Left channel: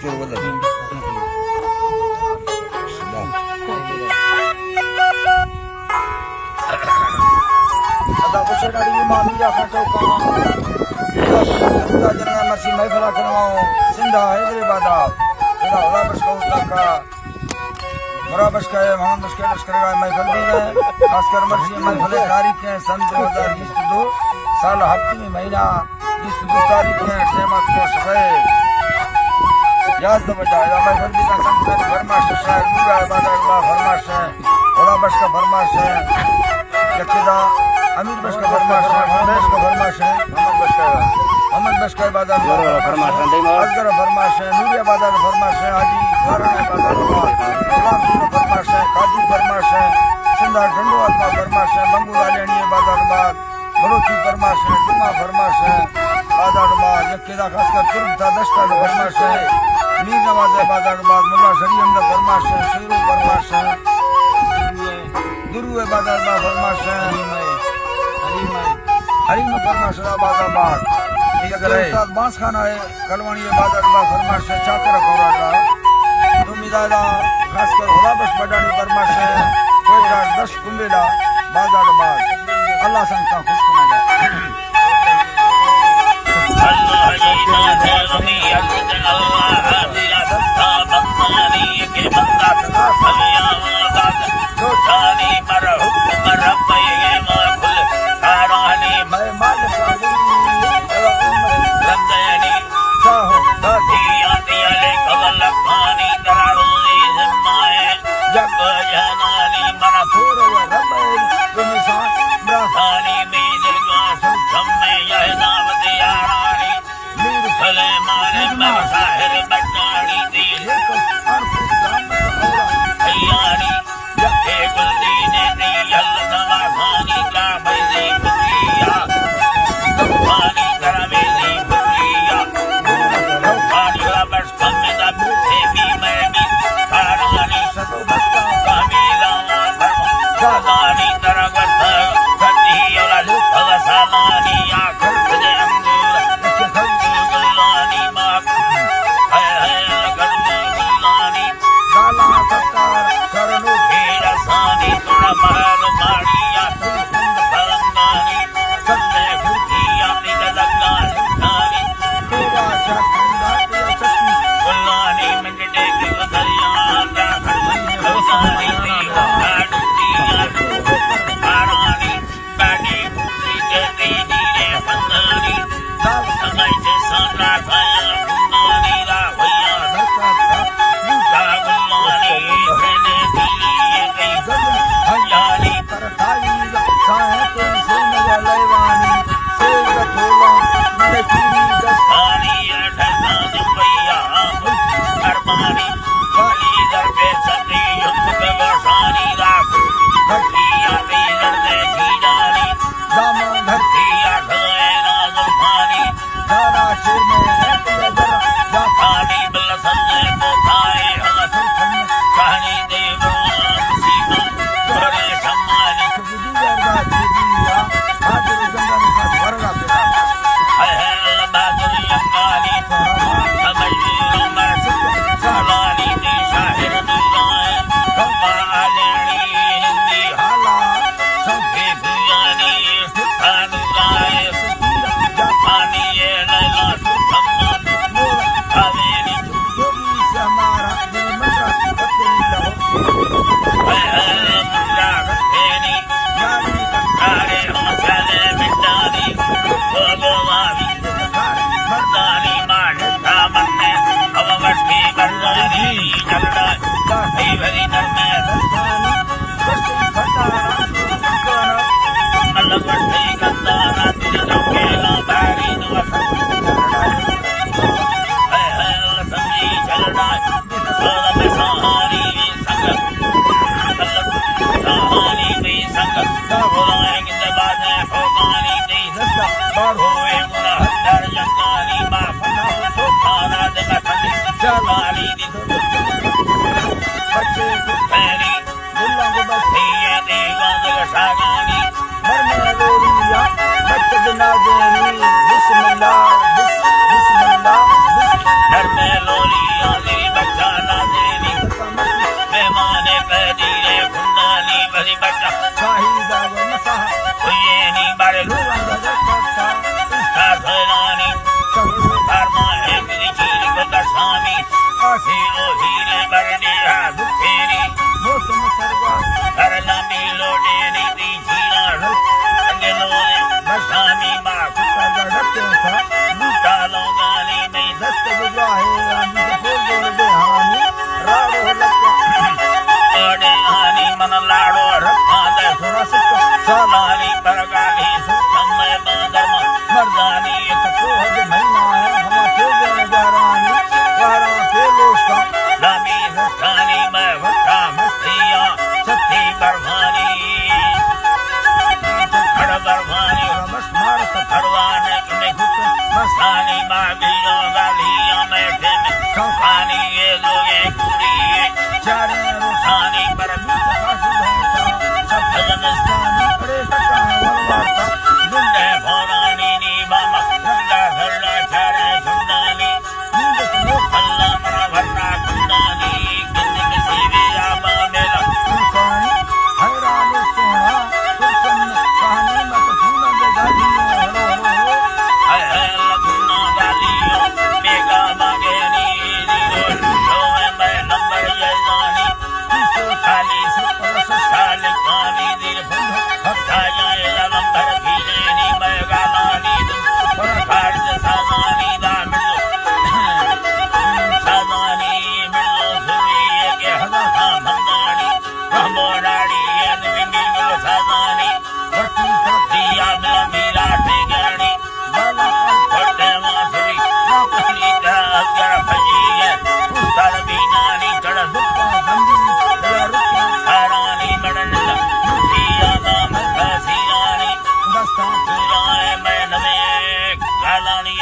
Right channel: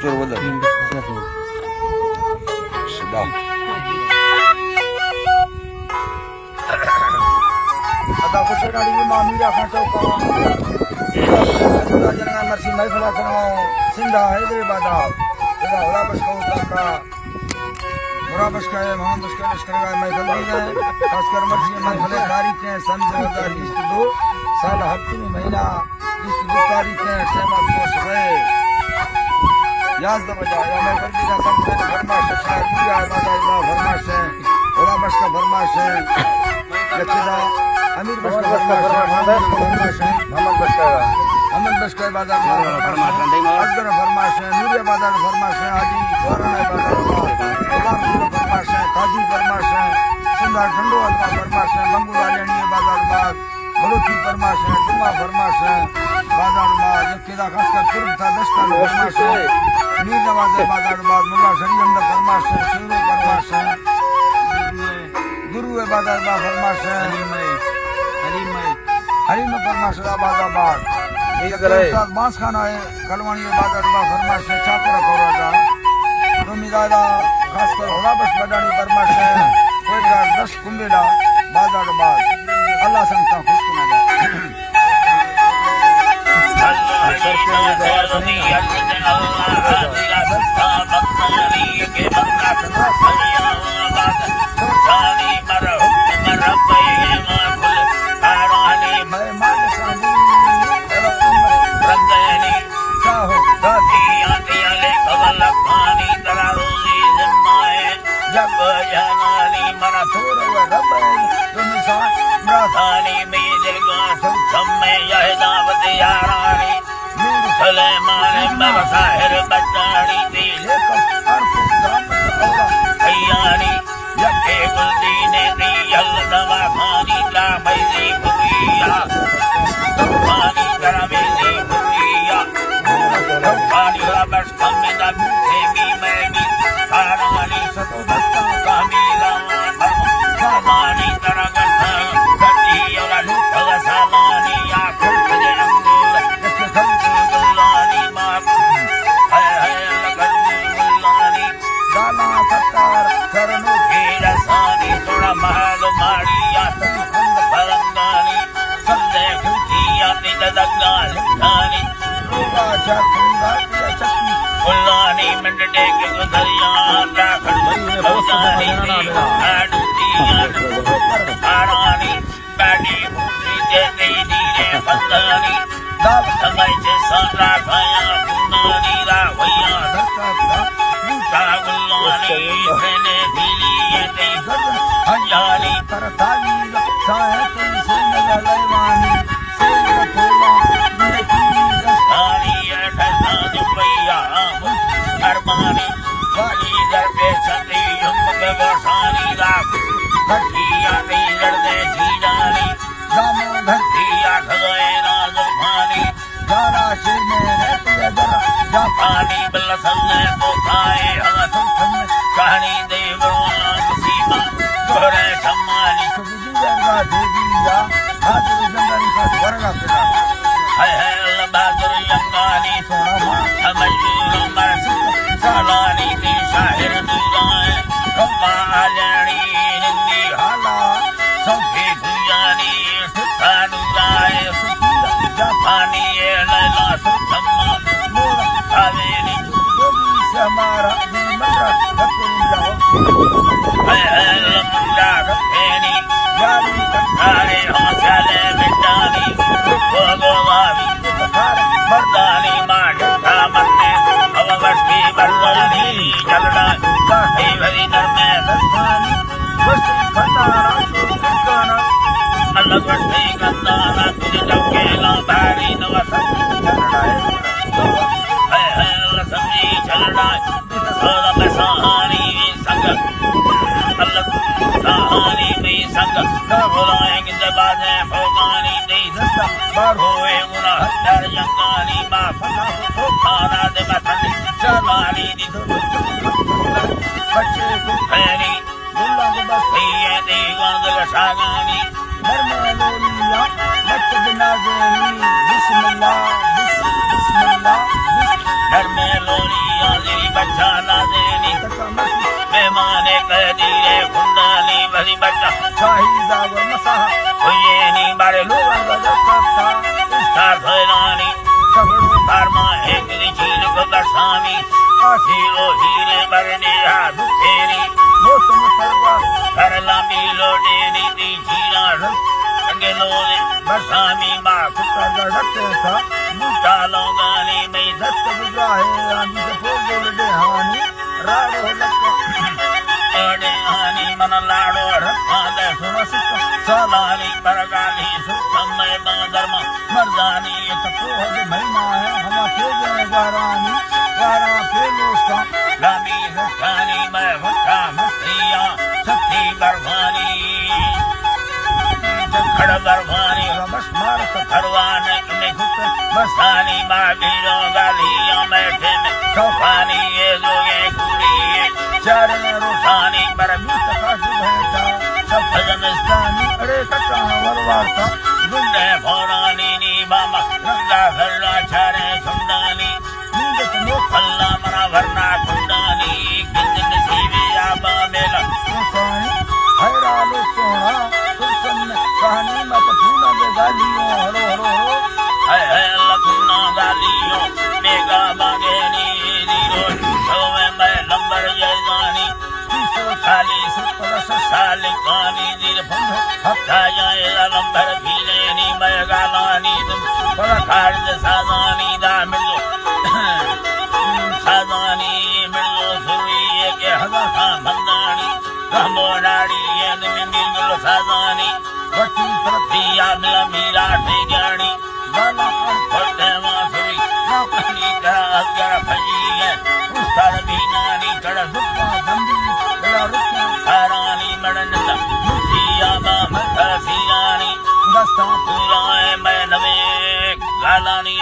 चोर Vadar sedap ada ko se dari mami ya kha chauka ida jangan marsi mai phala karno sinda hyderabad ida ola basko ka मुराबश का है मोहम्मद उसके लश्कर का महफिल भी है खासकर मर्सी महफिल तारीख है सन 2022 साल हफ्ते में महीना 22 तारीख है टेमत को सुबह याद न बजाएगा महफिल भी का संकर फरमाश है दूसरा बाजार बा फरमाश है मुराबश का फरमाश है जबकिदा अमीर बश का फरमाश है मोहम्मद बश का फरमाश है मोहम्मद बश का बाजार बा फरमाश है अजगर फरमाश है नूरिया बाजार फरमाश है हाजी वाराना बाजार बा गुलाम सूर फरमाश है काजू फरमाश है सिंधा डंडोवाल का फरमाश है बंगुलालियानी बाजारबाद बलोची फरमाश है जुम्मा फरमाश है बाजारबाद जक्केदा खासकर तुर्क था दस्ता फरमाश है मीर नवाज बाजारबाद मुल्ला शरीम फरमाश है सूरू फरमाश है गुरु बाजारबाद फरमाश है हरीम फरमाश बाजारबाद उस्ताद बांस खाना है कलवानी बाजारबाद फरमाश है चाकर कौराटा तो मिदादा खासकर होलाबस बडानी फरमाश है कोयटा 10 कुंबेला बाजारबाद अल्लाह संता खुश को ना अल्लाह ही है वनी अल्लाह दिला दस्ता बंदानी के बंदा सदा सलिया बात तो जानी मर हुक्म रब्बे मा खुल आरानी मैं माल साली रंदनी चाहो दादी आले कवल पानी दरारोली जिम्माए जब जानानी मरा थोर व रब निशान ब्रहानी में दिलगा सुखम में यह दावत यारानी मीर सलेमान मसाहिर बटानी दी अर्फ रहमत औला अयानी यके गुलदीने दी यल दवा खानी ला भैली भुरिया दवानी करवेली भुरिया दवानी लबस कमे दा भूखे मी मैं भी सारानी सतो दस्ता कामिला फरमा सालानी तरफ सती और सालानी आखिर दे अंदर के खल गुलानी मात है गुलानी दाला सत्तार शरणो सानी सोना महल माड़िया संद फलंगानी सल्ले खिड़किया निज दगा हिंदानी लोगा जातुंगा के सती गुलानी मंडे के गुलिया का गुलानी दी आड़ुतिया आरानी बागी भूति के दिली फतानी दाल समय से सारा खाया गुलानी रा भैया धरका का गुलानी रहने दिली ये जब हयानी करताई साहत से नजर लेवानी तेज तोला नंदे कीरी आनी ठहरान भैया अरमानी वाली दरबे चली युमक गोसानी राख घटिया नहीं लड़ने जीजानी दामो धरती धरतिया ठगए नाजुफानी जारा शेर में रहती है जरा जा पानी बलसन ने पोखाए हाथों कहानी देवान सीमा दोहरे सम्मानी सुबुदी वर्गा देविया हाजिर जंगली का स्वर्गा पेड़ा है बहादुर यंगानी सोना अमजूर मरसुक सालानी दी शाहिर दुलाए कौमा आलनी हिंदी हाला सौखे भुयानी सुखानुलाए जापानी ये लैला सुखम्मा मोरा कावेरी जोगी से हमारा दिल मंडा रखते रहो लमुंडा रखेनी यारी तारे हौसले मिटानी भगवानी मर्दानी माढ़ा मन्ने अवस्ती बदलानी चलना हरी भरी नरमे दस्तानी वस्तु खंडारा शुक्राना अलग बढ़ते गंदाना तुझे चौकेला भारी नवसन कन्नड़ाए लसमी चलना सोलह में सहानी संग अलग सहानी में संग बोलाएंगे जबाने भोगानी नहीं दस्ता बार होए मुना हत्तर यंगानी मा फना हो खाना दे मथन चलानी दी बच्चे फैरी गुल्ला को बस ये देगा दे शागानी घर में रोलिया बच्चे बिनाजोनी बिस्मिल्लाह बिस्मिल्लाह घर में लोलिया पैदी रे कुंडली भरी बच्चा शाहीदा व मसाह कोयेनी बारे लोगा गजता इसका भैरानी सगरो धर्मा है मेरी झील को दर्शानी आशीरो हीरे बरनी दुखेरी मौसम सर्वा कर लामी लोटेरी दी झीला रस संगे लोरे बरसामी माँ कुत्ता गड़ते था बूटा लोगानी में दस्त बुझाए आंधी के फूल जोड़े हानी राड़ो लक्का ओडे हानी मन लाड़ो रखा दे सोना सिक्का सालानी परगाली सुखमय बांधर्म मर्दानी ये तपोह जो महीना है हमा तेजे वारानी वारा पेलोसा लामी रसानी में वटा मस्तिया सती बरवानी खड़ बरवानी बस मार का भरवान में घुट मसानी मादीरों गालियों में फिर सौखानी ये लोगे कुड़ी चारे रुखानी पर सका सुभेता सब भजन जानी अरे तका वरवारता गुंडे भोरानी नी बामा रंगा घरना चारे छुंडानी नींद तो मोख अल्लाह मना भरना कुंडानी किंजन सीवी आबा मेला सुखानी हैरा लो सोना सुरसन कहानी मत फूना दे गालियों हरो हरो हरो है अल्लाह गुना गालियों बेगा बागेनी दीरो शोवे मैं लंबर जैजानी किसो खाली सुपर साली कानी दीर बंधो हफ्ता जाए लंबर भीलेनी मैं गालानी तुम पर खार्ज साजानी दा मिलो साजानी मिलो सुरी के हदा बंदानी रहबो डाड़ी ये मिलो साजानी वटी तरफी दिया मिला मीरा ठेगानी बाला छोटे मासुरी नाकनी तरह कर भजी है उसका बीनानी चढ़ दुप्पा दंडी दला रुक्का हारानी मडनदा मुझिया मामका सीरानी दस्ता पूरा है मैं नवे गालानी